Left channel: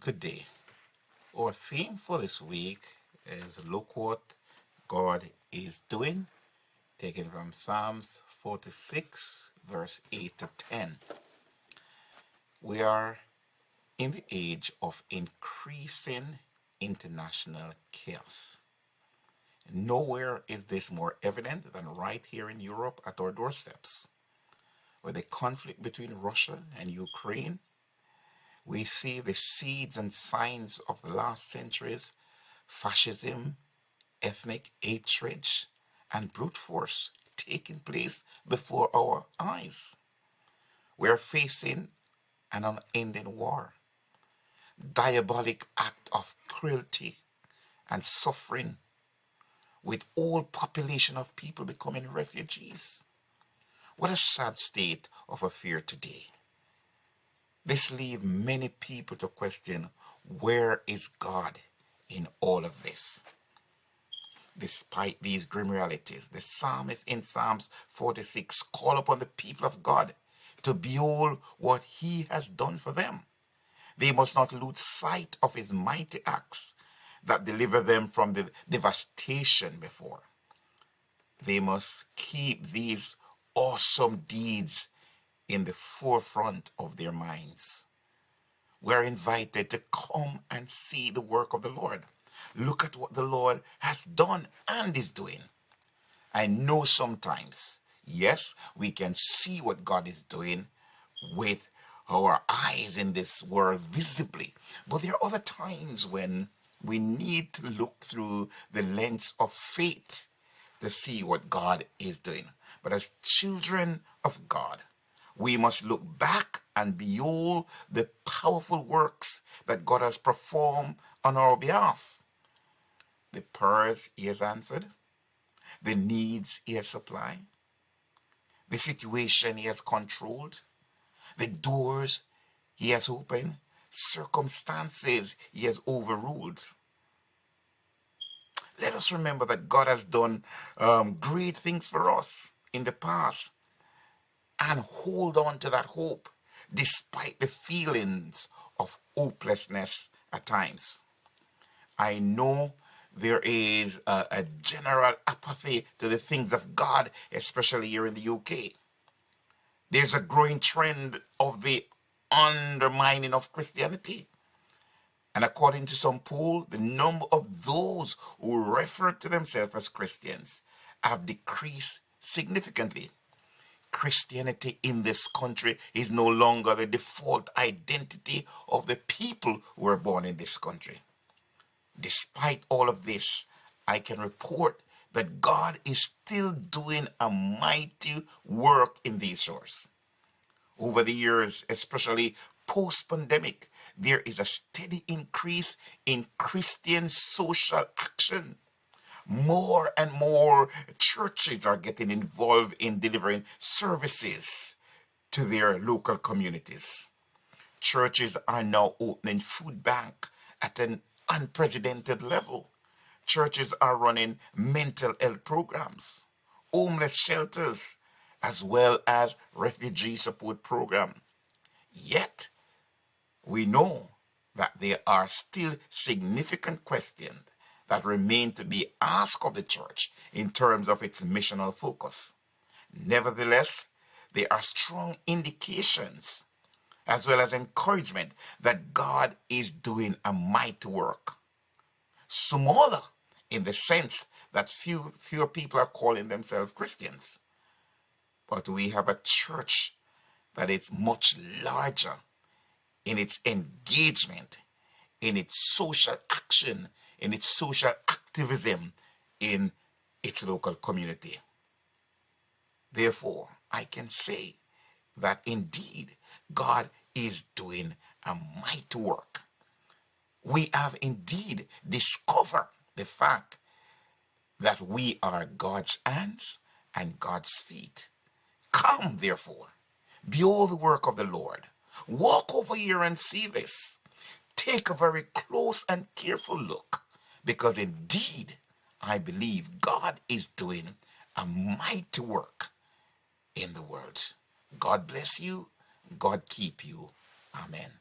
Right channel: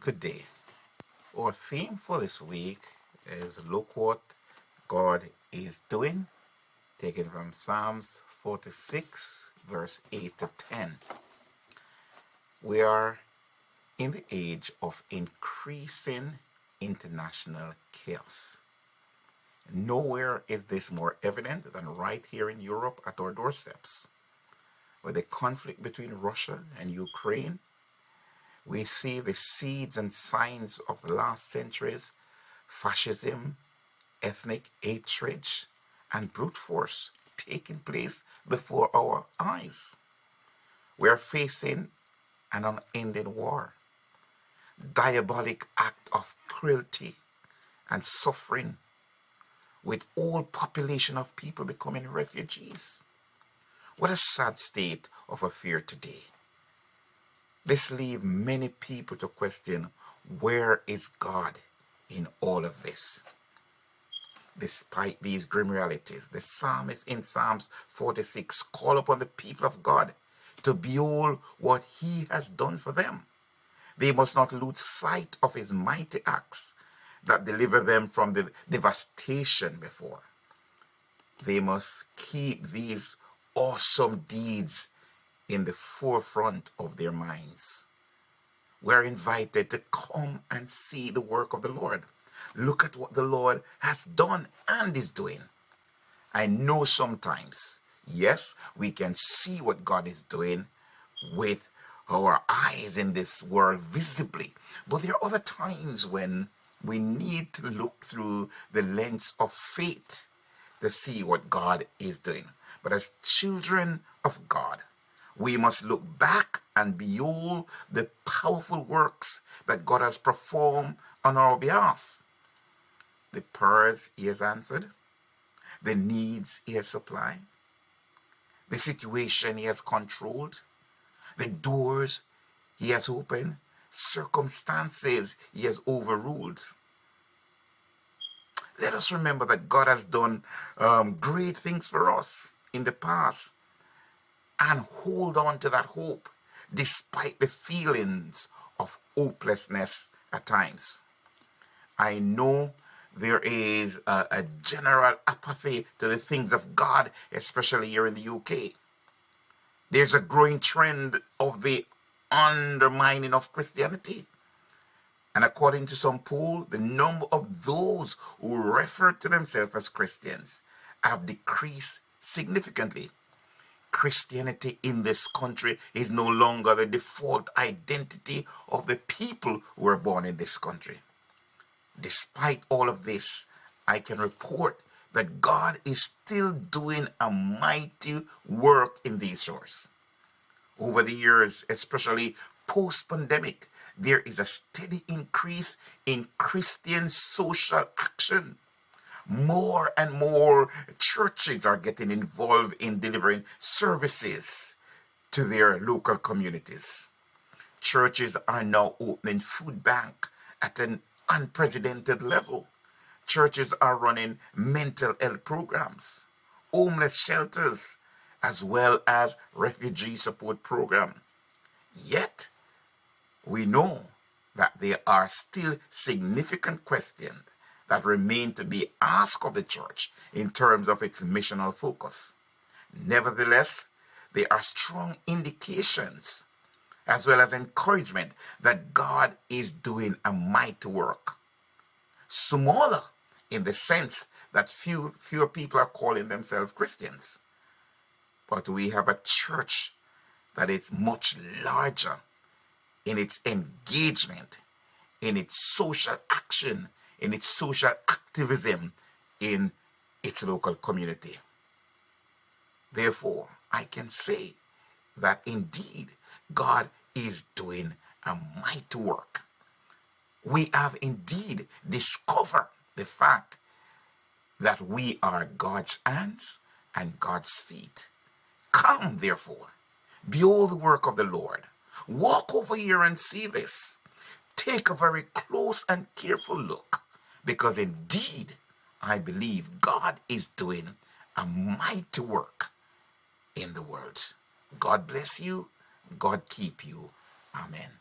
Good day. Our theme for this week is Look What God is Doing, taken from Psalms 46, verse 8 to 10. We are in the age of increasing international chaos. Nowhere is this more evident than right here in Europe at our doorsteps. With the conflict between Russia and Ukraine, we see the seeds and signs of the last century's fascism, ethnic hatred, and brute force taking place before our eyes. We are facing an unending war, diabolic act of cruelty and suffering, with all population of people becoming refugees. What a sad state of affairs today. This leaves many people to question, where is God in all of this? Despite these grim realities, the psalmist in Psalms 46 call upon the people of God to behold what he has done for them. They must not lose sight of his mighty acts that deliver them from the devastation before. They must keep these awesome deeds in the forefront of their minds. We're invited to come and see the work of the Lord. Look at what the Lord has done and is doing. I know sometimes, yes, we can see what God is doing with our eyes in this world visibly. But there are other times when we need to look through the lens of faith to see what God is doing. But as children of God, we must look back and behold the powerful works that God has performed on our behalf. The prayers he has answered, the needs he has supplied, the situation he has controlled, the doors he has opened, circumstances he has overruled. Let us remember that God has done great things for us in the past and hold on to that hope despite the feelings of hopelessness at times. I know there is a general apathy to the things of God, especially here in the UK. There's a growing trend of the undermining of Christianity. And according to some poll, the number of those who refer to themselves as Christians have decreased significantly. Christianity in this country is no longer the default identity of the people who were born in this country. Despite all of this, I can report that God is still doing a mighty work in these shores. Over the years, especially post-pandemic, there is a steady increase in Christian social action. More and more churches are getting involved in delivering services to their local communities. Churches are now opening food bank at an unprecedented level. Churches are running mental health programs, homeless shelters, as well as refugee support program. Yet, we know that there are still significant questions that remain to be asked of the church in terms of its missional focus. Nevertheless, there are strong indications as well as encouragement that God is doing a mighty work. Smaller in the sense that fewer people are calling themselves Christians. But we have a church that is much larger in its engagement, in its social action, in its social activism in its local community. Therefore, I can say that indeed God is doing a mighty work. We have indeed discovered the fact that we are God's hands and God's feet. Come, therefore, behold the work of the Lord. Walk over here and see this. Take a very close and careful look, because indeed, I believe God is doing a mighty work in the world. God bless you. God keep you. Amen.